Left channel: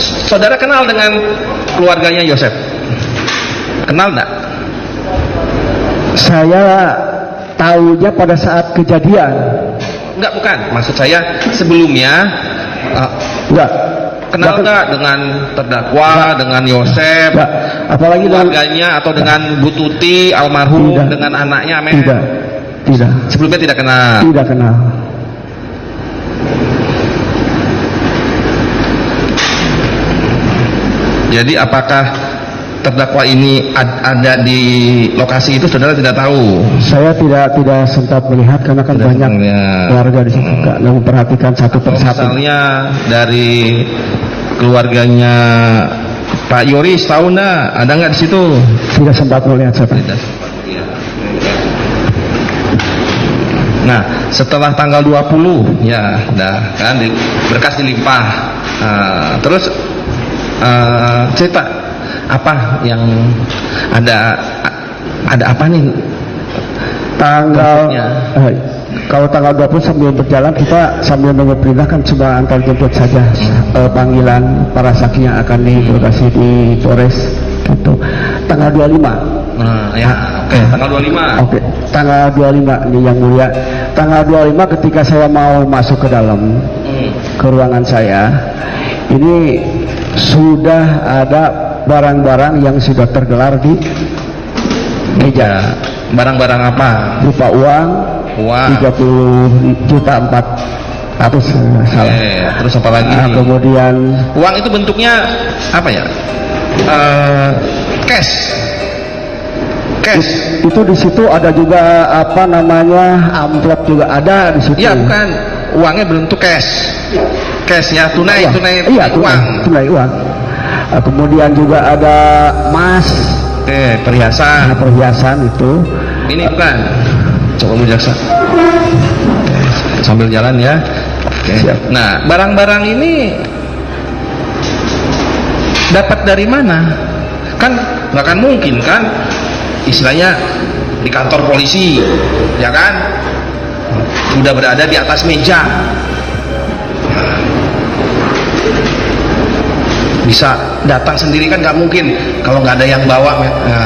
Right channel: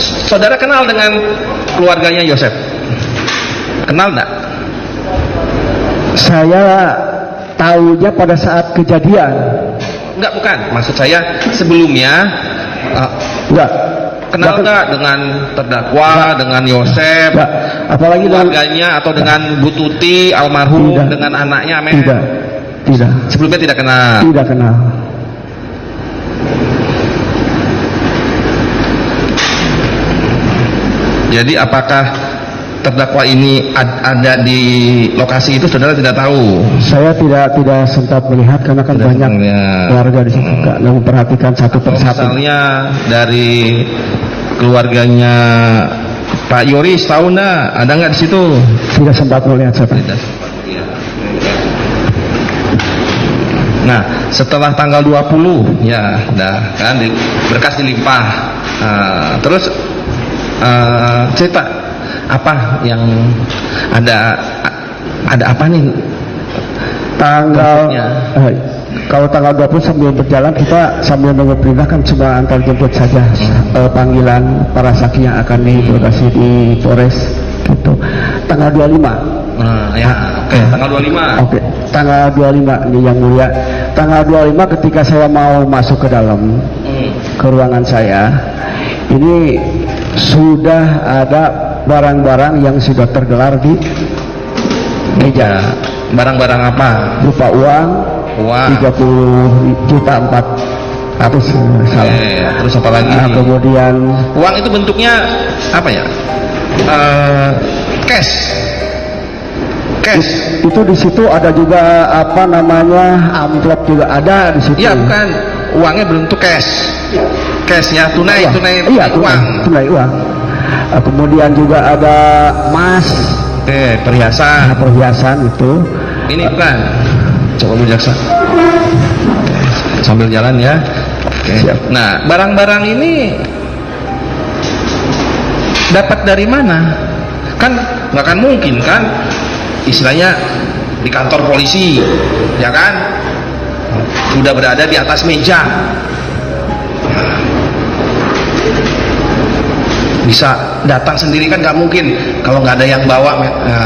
saudara kenal dengan keluarganya Yosef? Kenal enggak? Saya tahunya pada saat kejadian. Enggak, bukan. Maksud saya sebelumnya Enggak. kenal enggak dengan terdakwa, enggak, dengan Yosef, enggak, apalagi keluarganya atau dengan Bu Tuti almarhum, tidak, dengan anaknya Amen? Tidak. Sebelumnya tidak kenal. Tidak kenal. Jadi apakah terdakwa ini ada di lokasi itu, saudara tidak tahu? Saya tidak sempat melihat karena kan banyak keluarga di situ, Kak, yang memperhatikan satu persatu. Misalnya dari keluarganya Pak Yoris, tahu enggak? Ada nggak di situ? Tidak sempat melihat saya. Tidak sempat, ya. Nah, setelah tanggal 20 ya, kan berkas dilimpah. Terus cerita apa yang ada apa nih kalau tanggal 20 sambil berjalan kita sambil menunggu perintah kan cuma antar jemput saja panggilan para saksi yang akan diinterogasi di Polres gitu. Tanggal 25 tanggal 25. Oke, tanggal 25 ini yang mulia. Tanggal 25 ketika saya mau masuk ke dalam ke ruangan saya, ini sudah ada barang-barang yang sudah tergelar di meja. Barang-barang apa? Berupa uang 30 juta 400 salah. Terus apa lagi? Kemudian uang itu bentuknya apa ya? Cash. Itu di situ ada juga apa namanya amplop juga ada di situ. Iya, bukan. Uangnya bentuk cash. Cash ya, tunai uang. Tunai uang. Kemudian juga ada emas. Perhiasan. Perhiasan itu. Ini bukan. Coba Bu Jaksa. Sambil jalan ya. Siap. Nah, barang-barang ini dapat dari mana? Kan nggak akan mungkin kan, istilahnya di kantor polisi, ya kan? Sudah berada di atas meja. Bisa datang sendiri kan nggak mungkin kalau nggak ada yang bawa.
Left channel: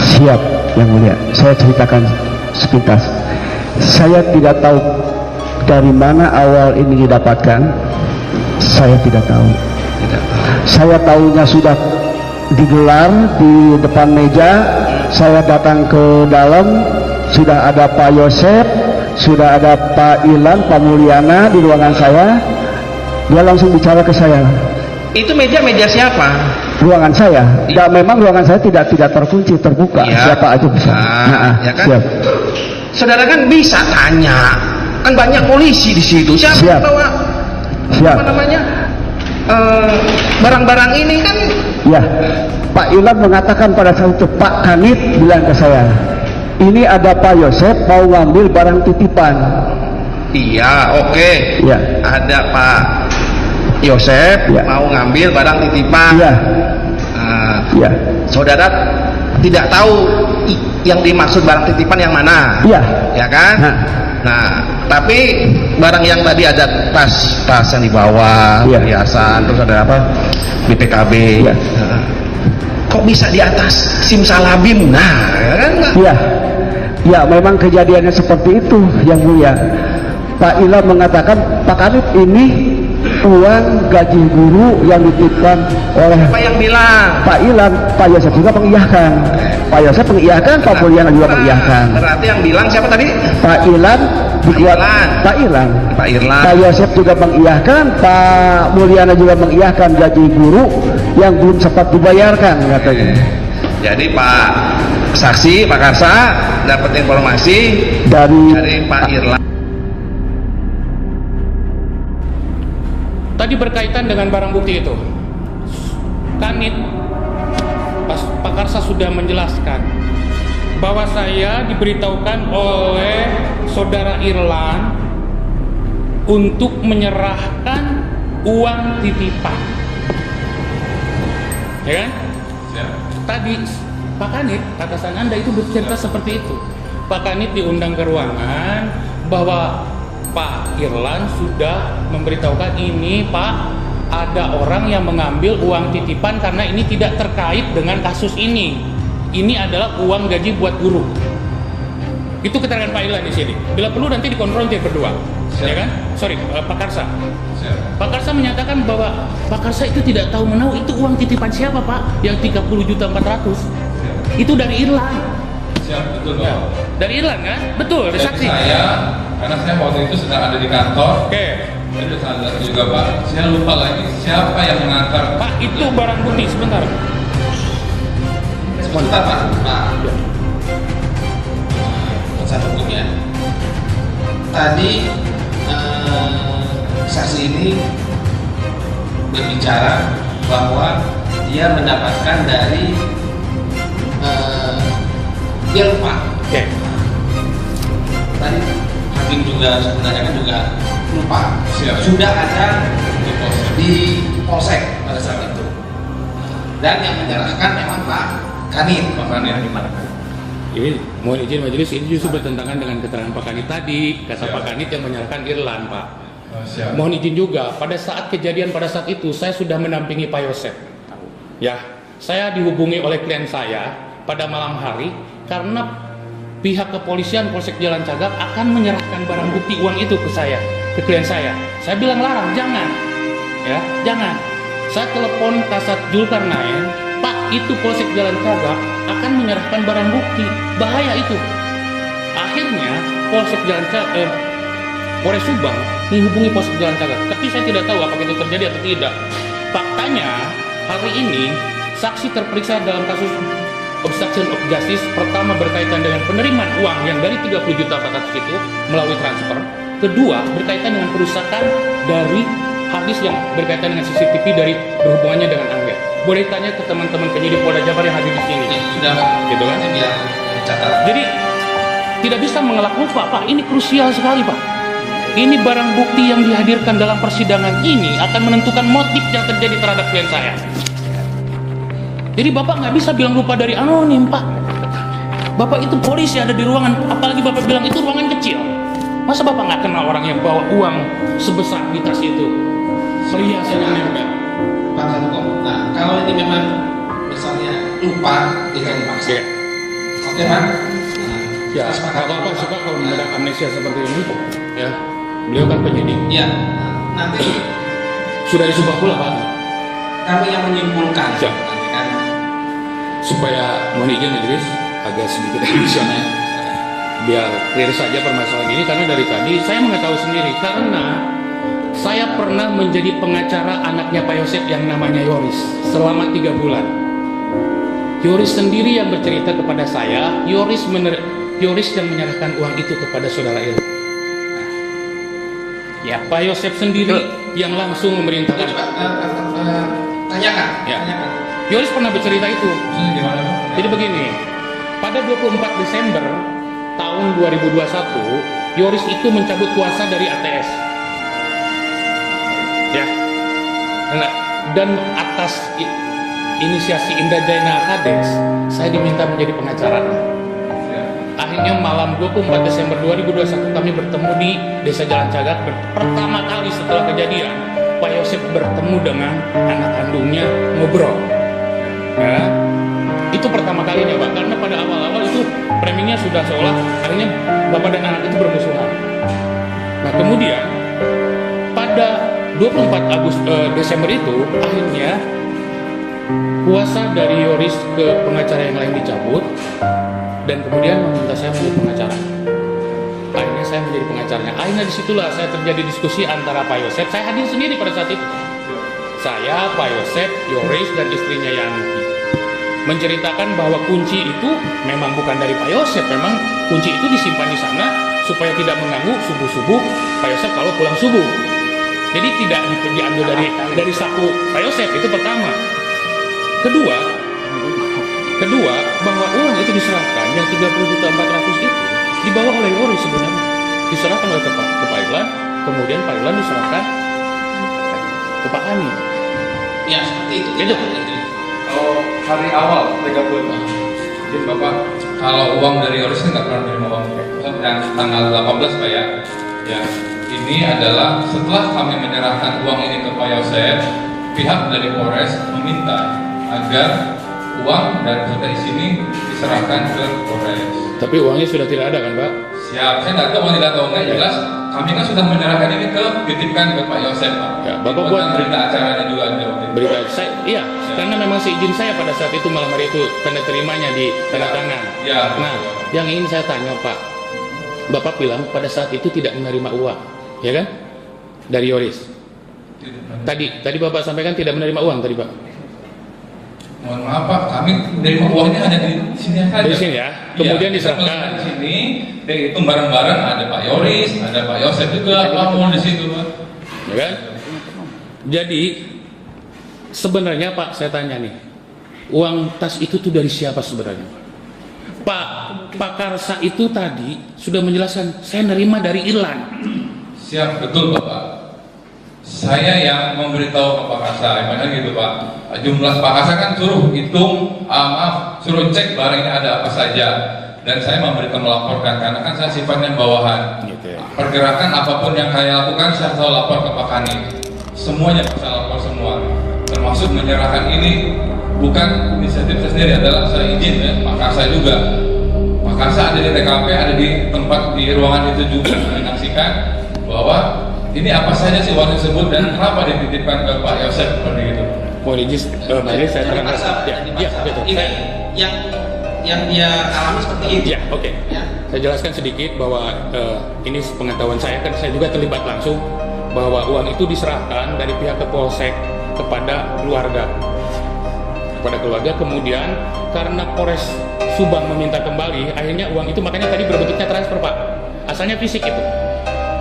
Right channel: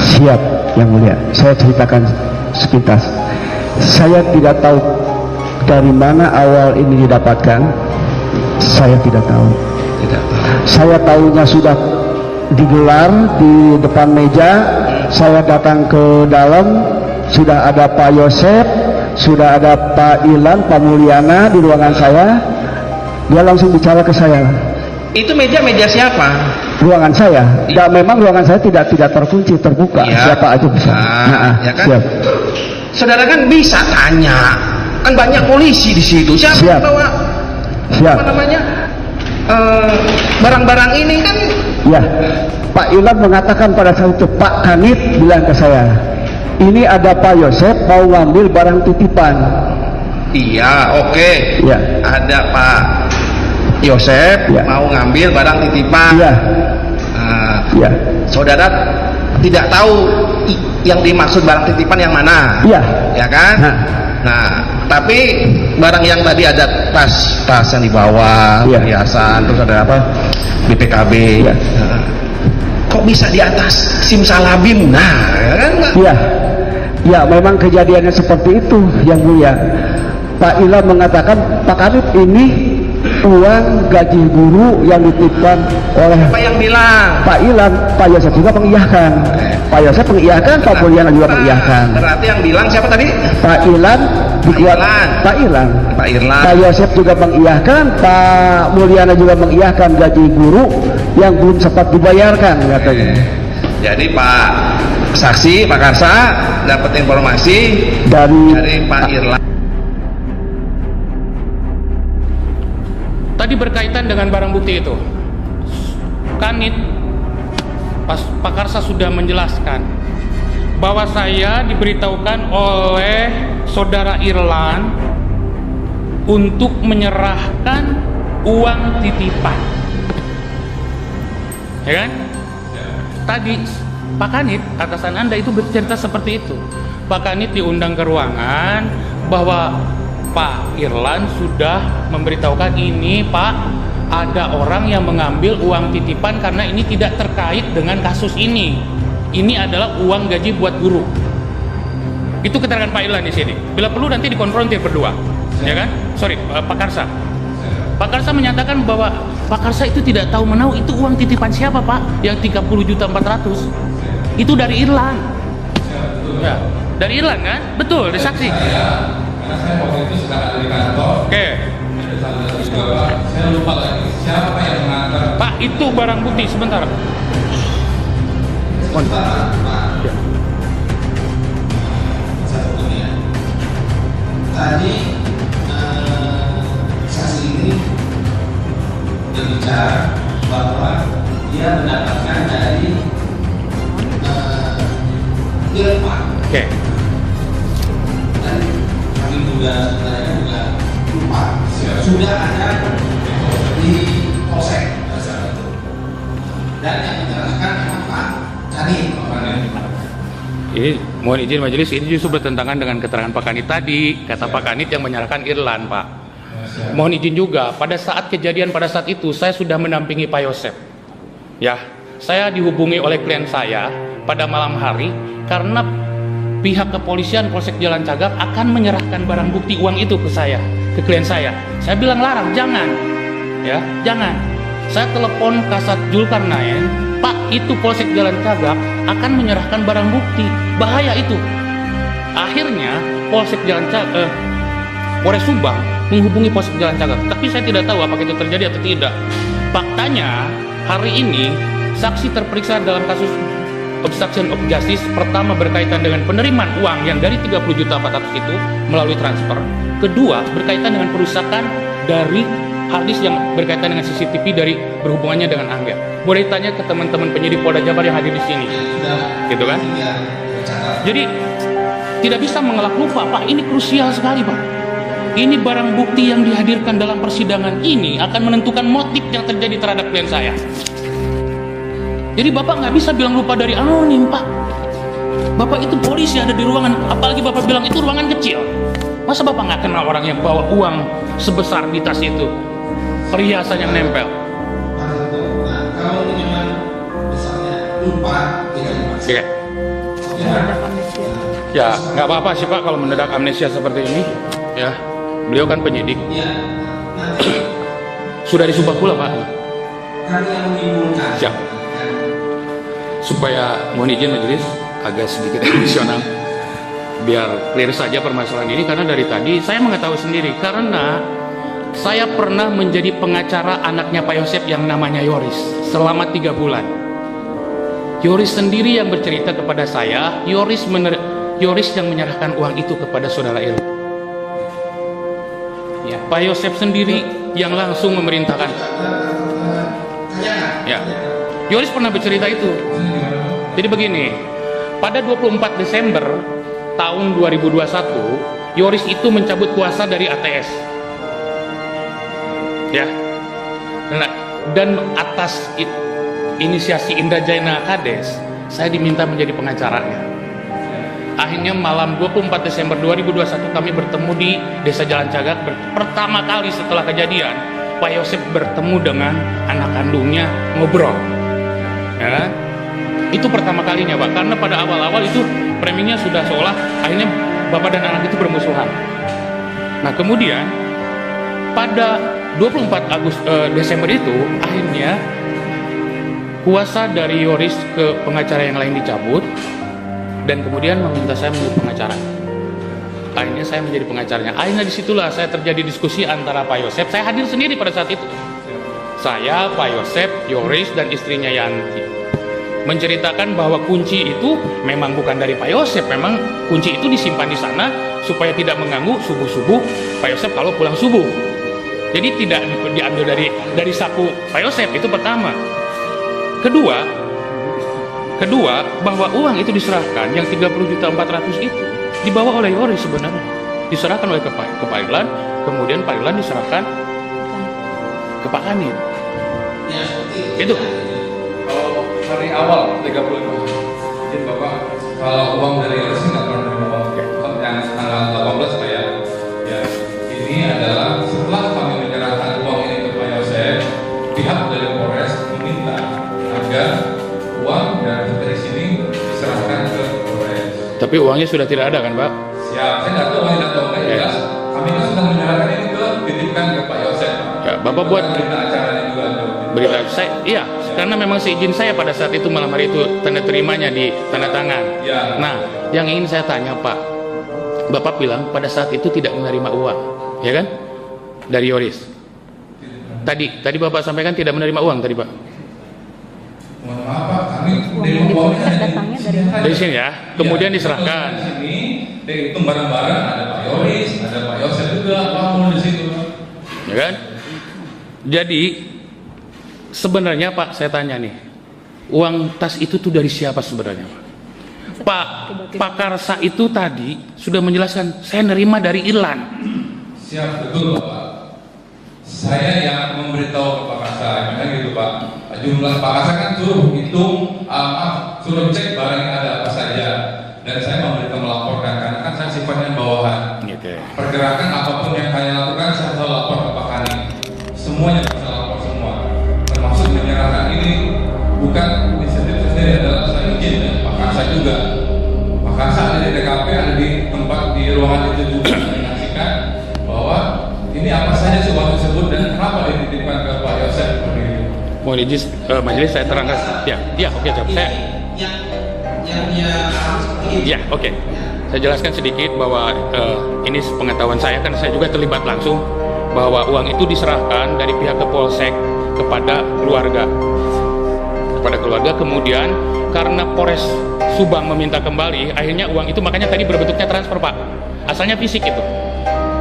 Siap, yang mulia. Saya ceritakan sepintas. Saya tidak tahu dari mana awal ini didapatkan. Saya tidak tahu. Saya tahunya sudah digelar di depan meja. Saya datang ke dalam, sudah ada Pak Yosef, sudah ada Pak Ilan, Pak Mulyana di ruangan saya. Dia langsung bicara ke saya. Itu meja siapa? Ruangan saya. Dan memang ruangan saya tidak terkunci, terbuka. Ya. Siapa aja bisa. Ya kan? Siap. Saudara kan bisa tanya. Kan banyak polisi di situ. Siapa yang bawa? Siap. Apa namanya? Barang-barang ini kan? Ya. Pak Ilan mengatakan pada saat itu, Pak Kanit bilang ke saya, ini ada Pak Yosef mau ngambil barang titipan. Iya, oke. Ya. Ada Pak Yosef mau ngambil barang titipan. Iya. Ya. Saudara tidak tahu yang dimaksud barang titipan yang mana. Iya. Ya kan? Nah, tapi barang yang tadi ada tas yang dibawa, perhiasan, terus ada apa? BPKB. Ya. Kok bisa di atas simsalabim? Nah, ya kan? Iya. Ya, memang kejadiannya seperti itu, yang mulia. Pak Ila mengatakan, Pak Kanit, ini uang gaji guru yang dititipkan oleh. Siapa yang bilang? Pak Ilan. Pak Yosef juga mengiyakan. Pak Yosef mengiyakan, Pak Mulyana juga mengiyakan. Berarti yang bilang siapa tadi? Pak Ilan. Pak Ilan. Pak Yosef juga mengiyakan, Pak Mulyana juga mengiyakan gaji guru yang belum sempat dibayarkan, katanya. Jadi Pak saksi, Pak Karsa dapat informasi dari Pak Irlan. Tadi berkaitan dengan barang bukti itu, Kanit, Pak Karsa sudah menjelaskan bahwa saya diberitahukan oleh saudara Irlan untuk menyerahkan uang titipan, ya kan? Ya. Tadi Pak Kanit, atasan Anda itu bercerita seperti itu. Pak Kanit diundang ke ruangan bahwa Pak Irlan sudah memberitahukan ini Pak ada orang yang mengambil uang titipan karena ini tidak terkait dengan kasus ini. Ini adalah uang gaji buat guru. Itu keterangan Pak Irlan di sini. Bila perlu nanti dikonfrontir berdua, ya kan? Sorry, Pak Karsa. Pak Karsa menyatakan bahwa Pak Karsa itu tidak tahu menahu itu uang titipan siapa, Pak? Yang 30.400.000. Itu dari Irlan. Ya, dari Irlan kan? Betul, ada saksi. Karena saya waktu itu sedang ada di kantor. Oke. Ada salah juga Pak. Saya lupa lagi siapa yang mengantar. Pak, itu barang bukti sebentar. Sebentar Pak. Ya. Saya punya. Tadi saksi ini berbicara bahwa dia mendapatkan dari Irfan. Oke. Tadi kami juga menanyakan juga lupa. Sudah ada di polsek pada saat itu. Dan yang menyerahkan memang Pak Kanit. Ini mohon izin majelis, ini justru bertentangan dengan keterangan Pak Kanit tadi. Kata Pak Kanit yang menyerahkan Irlan, Pak. Mohon izin juga, pada saat kejadian pada saat itu saya sudah mendampingi Pak Yosep. Ya, saya dihubungi oleh klien saya pada malam hari karena pihak kepolisian Polsek Jalan Cagak akan menyerahkan barang bukti uang itu ke saya, ke klien saya. Saya bilang larang, jangan. Ya, jangan. Saya telepon Kasat Zulkarnain, Pak, itu Polsek Jalan Cagak akan menyerahkan barang bukti. Bahaya itu. Akhirnya Polsek Jalan Cagak, Polres Subang menghubungi Polsek Jalan Cagak, tapi saya tidak tahu apakah itu terjadi atau tidak. Faktanya hari ini saksi terperiksa dalam kasus obstruction of justice pertama berkaitan dengan penerimaan uang yang dari 30.400.000 itu melalui transfer. Kedua, berkaitan dengan perusakan dari hard disk yang berkaitan dengan CCTV dari berhubungannya dengan Angga. Boleh tanya ke teman-teman penyidik Polda Jabar yang hadir di sini. Gitu kan? Jadi tidak bisa mengelak lupa, Pak. Ini krusial sekali, Pak. Ini barang bukti yang dihadirkan dalam persidangan ini akan menentukan motif yang terjadi terhadap klien saya. Jadi Bapak nggak bisa bilang lupa dari anonim, Pak. Bapak itu polisi ada di ruangan, apalagi Bapak bilang itu ruangan kecil. Masa Bapak nggak kenal orang yang bawa uang sebesar di tas itu? Perhiasan yang nempel. Nah, kalau ini memang misalnya lupa, itu pasti. Oke. Oke, Pak. Ya, nggak apa-apa sih Pak kalau mendadak amnesia seperti ini. Ya, beliau kan penyidik. Ya, nanti Sudah di Subang pula, Pak. kami yang menyimpulkan. Siap. Supaya mohon izin majelis agak sedikit emosional, biar clear saja permasalahan ini, karena dari tadi saya mengetahui sendiri karena saya pernah menjadi pengacara anaknya Pak Yosep yang namanya Yoris selama 3 bulan. Yoris sendiri yang bercerita kepada saya, Yoris yang menyerahkan uang itu kepada saudara Irlan. Ya, Pak Yosep sendiri yang langsung memerintahkan. Tanyakan. Ya, Yoris pernah bercerita itu. Jadi begini, pada 24 Desember tahun 2021, Yoris itu mencabut kuasa dari ATS. Ya, dan atas inisiasi Indrajaya Kades, saya diminta menjadi pengacaranya. Akhirnya malam 24 Desember 2021 kami bertemu di Desa Jalan Cagak. Pertama kali setelah kejadian, Pak Yosep bertemu dengan anak kandungnya, ngobrol. Ya, itu pertama kalinya, Pak, karena pada awal-awal itu framingnya sudah seolah akhirnya bapak dan anak itu bermusuhan. Nah, kemudian pada 24 Desember itu akhirnya kuasa dari Yoris ke pengacara yang lain dicabut dan kemudian meminta saya menjadi pengacara. Akhirnya saya menjadi pengacaranya. Akhirnya disitulah saya terjadi diskusi antara Pak Yosep. Saya hadir sendiri pada saat itu. Saya, Pak Yosep, Yoris dan istrinya Yanti menceritakan bahwa kunci itu memang bukan dari Pak Yosep, memang kunci itu disimpan di sana supaya tidak mengganggu subuh-subuh Pak Yosep kalau pulang subuh. Jadi tidak diambil dari saku Pak Yosep, itu pertama. Kedua, bahwa uang itu diserahkan yang 30.400.000 itu dibawa oleh Yoris sebenarnya. Diserahkan oleh ke Pak Irlan, kemudian Pak Irlan diserahkan ke Pak Kanit. Ya, seperti Itu. itu. Kalau hari awal 30 izin Bapak, kalau uang dari Yoris nggak pernah menerima uang yang tanggal 18 Pak ya. Ya, ini adalah setelah kami menyerahkan uang ini ke Pak Yosep, pihak dari Polres meminta agar uang dari sini diserahkan ke Polres. Tapi uangnya sudah tidak ada kan Pak? Siap, saya tidak tahu tidak tahu enggak jelas. Kami kan sudah menyerahkan ini titipkan ke Pak Yosef. Ya, Bapak buat berita acaranya juga ada. Berita saya, iya, karena memang seizin saya pada saat itu malam hari itu tanda terimanya di tanda tangan. Ya. Nah, yang ingin saya tanya Pak, Bapak bilang pada saat itu tidak menerima uang, ya kan? Dari Yoris. Tadi Bapak sampaikan tidak menerima uang tadi Pak. Mohon maaf Pak, kami menerima uangnya ada di sini aja. Dari sini ya, kemudian diserahkan. Di sini, itu barang-barang ada Pak Yoris, ada Pak Yosef juga, apapun di situ Pak. Ya kan? Jadi sebenarnya Pak, saya tanya nih, uang tas itu tuh dari siapa sebenarnya Pak? Pak Karsa itu tadi sudah menjelaskan, saya nerima dari Irlan. Siap, betul Bapak. Saya yang memberitahu ke Pak Karsa, emangnya gitu Pak. Jumlah Pak Karsa kan suruh hitung, suruh cek barangnya ada apa saja. Dan saya memberitahu melaporkan, karena kan saya sifatnya bawahan. Okay. Pergerakan apapun yang saya lakukan, saya selalu lapor ke Pak Kanit. Semuanya bisa lapor semua. Termasuk menyerahkan ini bukan inisiatif saya sendiri, adalah saya izin dan Pak Karsa juga. Pak Karsa ada di TKP, ada di tempat di ruangan itu juga menyaksikan bahwa ini apa saja sih uang tersebut dan kenapa dititipkan ke Pak Yosef seperti itu. Mohon izin majelis saya terangkan. Ya, oke, saya yang dia alami seperti ini. ya, oke. Saya jelaskan sedikit bahwa ini pengetahuan saya, kan saya juga terlibat langsung bahwa uang itu diserahkan dari pihak Polsek kepada keluarga. Kemudian karena Polres Subang meminta kembali, akhirnya uang itu makanya tadi berbentuknya transfer Pak. Asalnya fisik itu.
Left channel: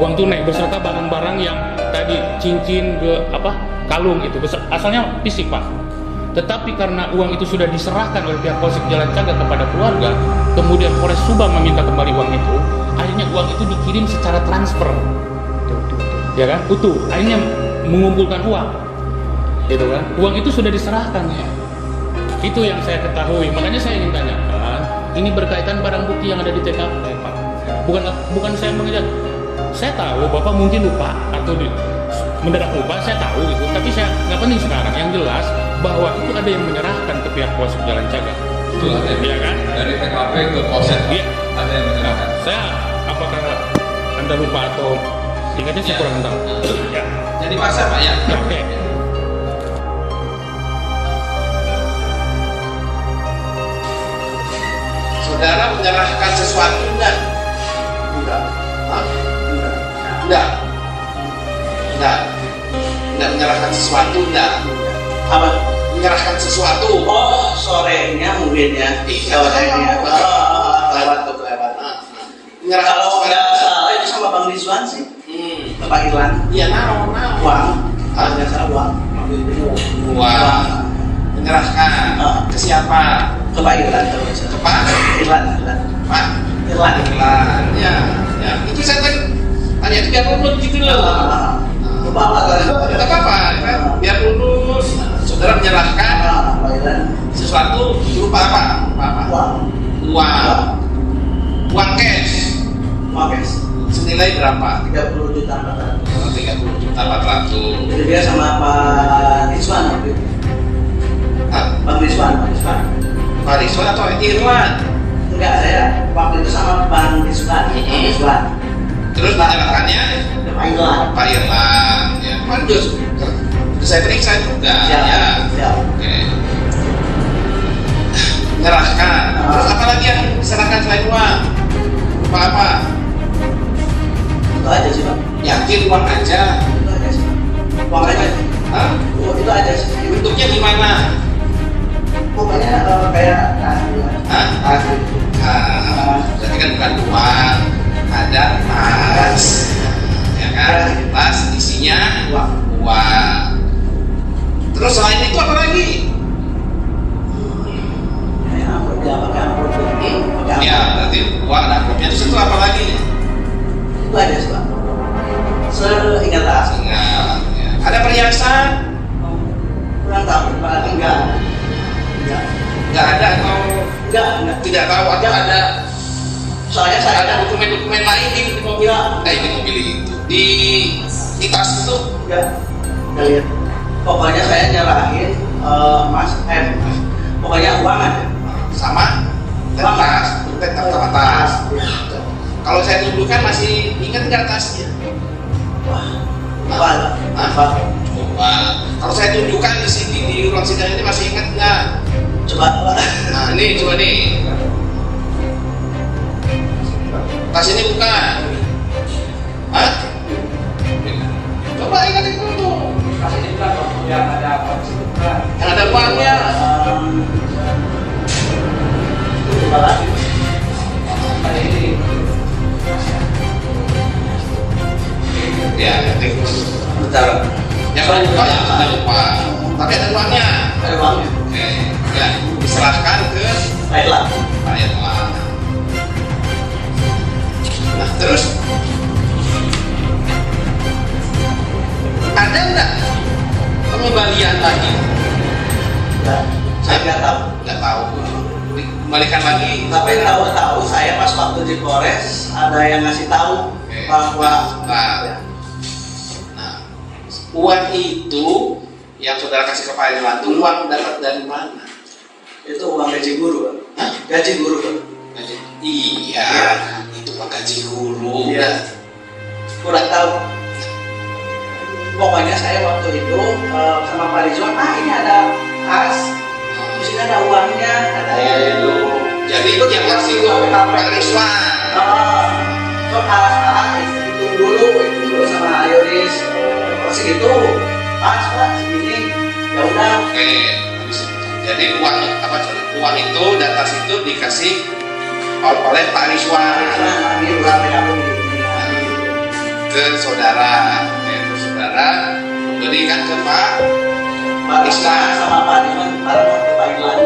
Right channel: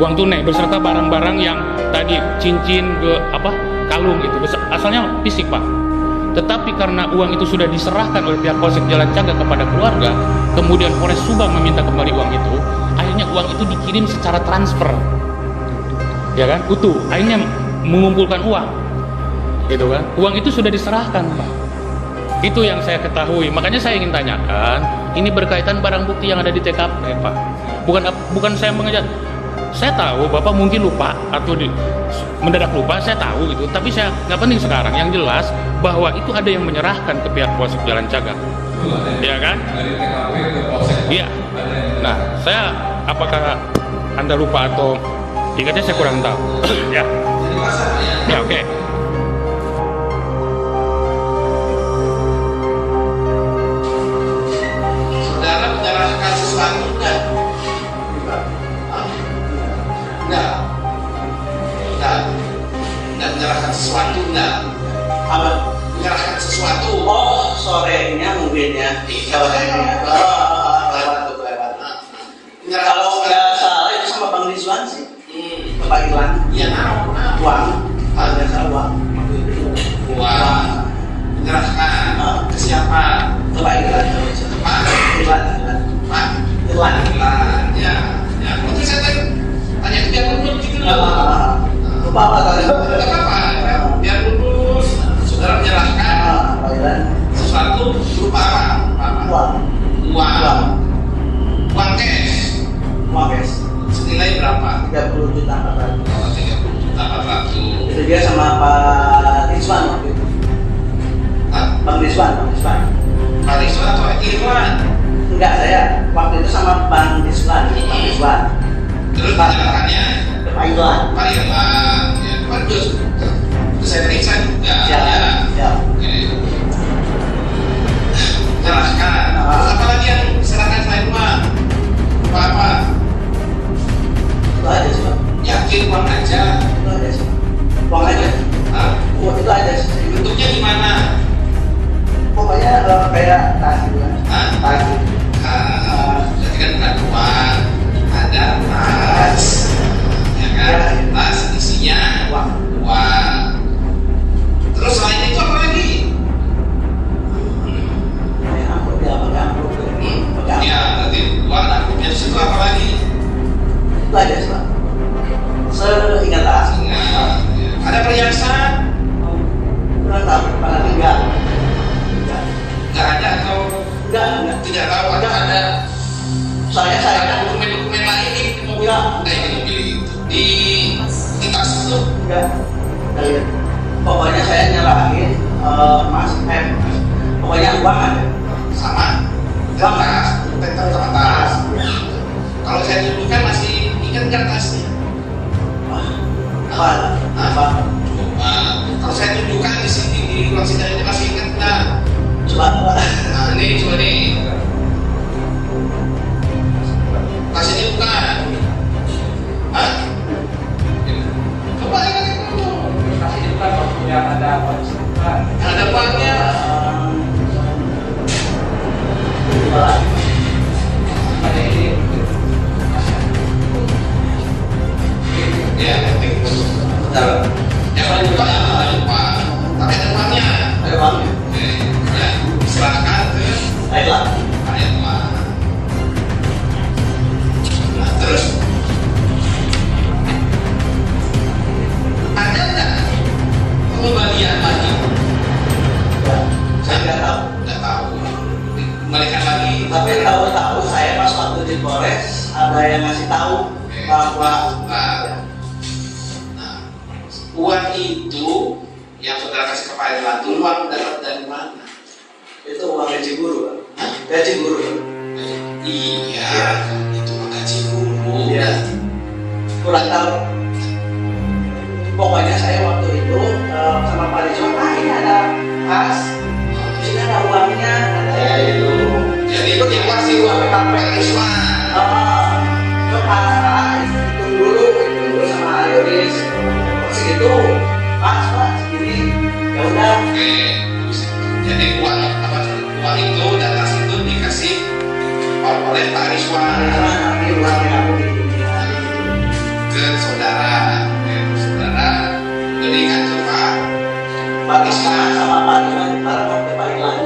Uang tunai beserta barang-barang yang tadi cincin kalung itu asalnya fisik Pak. Tetapi karena uang itu sudah diserahkan oleh pihak Polsek Jalan Cagak kepada keluarga, kemudian Polres Subang meminta kembali uang itu, akhirnya uang itu dikirim secara transfer. Ya kan? Utuh. Akhirnya mengumpulkan uang. Gitu kan? Uang itu sudah diserahkan Pak. Itu yang saya ketahui. Makanya saya ingin tanyakan, ini berkaitan barang bukti yang ada di TKP Pak. Bukan saya mengejar. Saya tahu Bapak mungkin lupa atau mendadak lupa, saya tahu itu. Tapi saya nggak penting sekarang. Yang jelas bahwa itu ada yang menyerahkan ke pihak Polsek Jalan Cagak. Betul, Iya kan? Dari TKP ke Polsek. Iya. Ada yang Nah, saya apakah Anda lupa atau ingatnya saya kurang tahu. Ya. Jadi masa Pak ya? Ya, oke. Saudara menyerahkan sesuatu enggak? Enggak menyerahkan sesuatu enggak? Apa? Menyerahkan sesuatu. Oh, sorenya mungkin ya. Sorenya. Kelewat. Kalau nggak salah itu sama Bang Rizwan sih. Bapak Irlan. Iya, Uang. Kalau nggak salah uang. Uang. Menyerahkan ke siapa? Ke Pak Irlan. Pak Irlan. Pak Irlan. Ya. Mungkin saya tanya itu biar lulus gitu loh. Lupa apa kali? Tidak apa-apa, biar lulus. Saudara menyerahkan Pak Irlan. sesuatu berupa apa? Uang. Uang cash. Uang guys. Senilai berapa? 30 juta 400. 30 juta 400. Jadi dia sama Pak Rizwan waktu itu. Bang Rizwan. Pak Rizwan atau Irwan? Enggak, saya waktu itu sama Bang Rizwan. Terus menyerahkannya Ke Pak Irlan. Pak Irwan. Ya, Pak Jus. Saya periksa juga. Ya. Oke. Menyerahkan. Terus apa lagi yang diserahkan selain uang? Apa? Itu aja sih Pak. Yakin uang aja? Itu aja sih Pak. Uang aja. Hah? Uang itu aja sih. Bentuknya gimana? Pokoknya kayak Hah? Berarti kan bukan uang, ada tas, ya kan? Tas isinya uang. Terus selain itu apa lagi? Ya, berarti uang amplopnya itu apa lagi? Itu aja sih Pak. Seingat tak? Ingat. Ya. Ada perhiasan? Kurang tahu, Pak. Enggak. Nggak ada atau Enggak. tidak tahu ada? Soalnya saya Ada dokumen-dokumen lain di mobil? Di mobil itu di tas itu? enggak. Pokoknya saya Uangan. sama dan tas, tetap sama tas. Kalau saya tunjukkan masih ingat nggak tasnya? Apa? Apa? Coba. Kalau saya tunjukkan di sini di ruang sidang ini masih ingat nggak? Coba. Nah ini coba nih. Tas ini bukan. Hah? Coba ingat dulu. Tas ini bukan waktu yang ada apa di situ bukan. Yang ada uangnya. Coba lagi. Ya, penting. Bentar. Yang lain lupa ya ada lupa. Tapi ada uangnya. Ada uangnya. Oke, ya diserahkan ke Baiklah. rakyat uang. Nah terus ada nggak pengembalian lagi? Saya nggak tahu. Nggak tahu. Dikembalikan lagi. Tapi tahu saya pas waktu di Polres ada yang ngasih tahu Oke. bahwa Nah, uang itu yang saudara kasih ke Pak Irlantul, uang dapat dari mana? itu uang gaji guru. Hah? Gaji guru. Iya, itu Pak gaji guru. Iya. Kurang tahu. Pokoknya saya waktu itu sama Pak Rizwan, ini ada kas, terus ini ada uangnya, ada itu. Jadi itu yang kasih uang Pak Rizwan. So arah hitung dulu sama Yoris. Masih itu pas segini. Ya udah. Oke, jadi uang itu dan tas itu dikasih oleh Pak Rizwan Ini uangnya aku ke saudara, berikan ke Pak Rizwan sama Pak Rizwan bareng waktu Pak Irlan.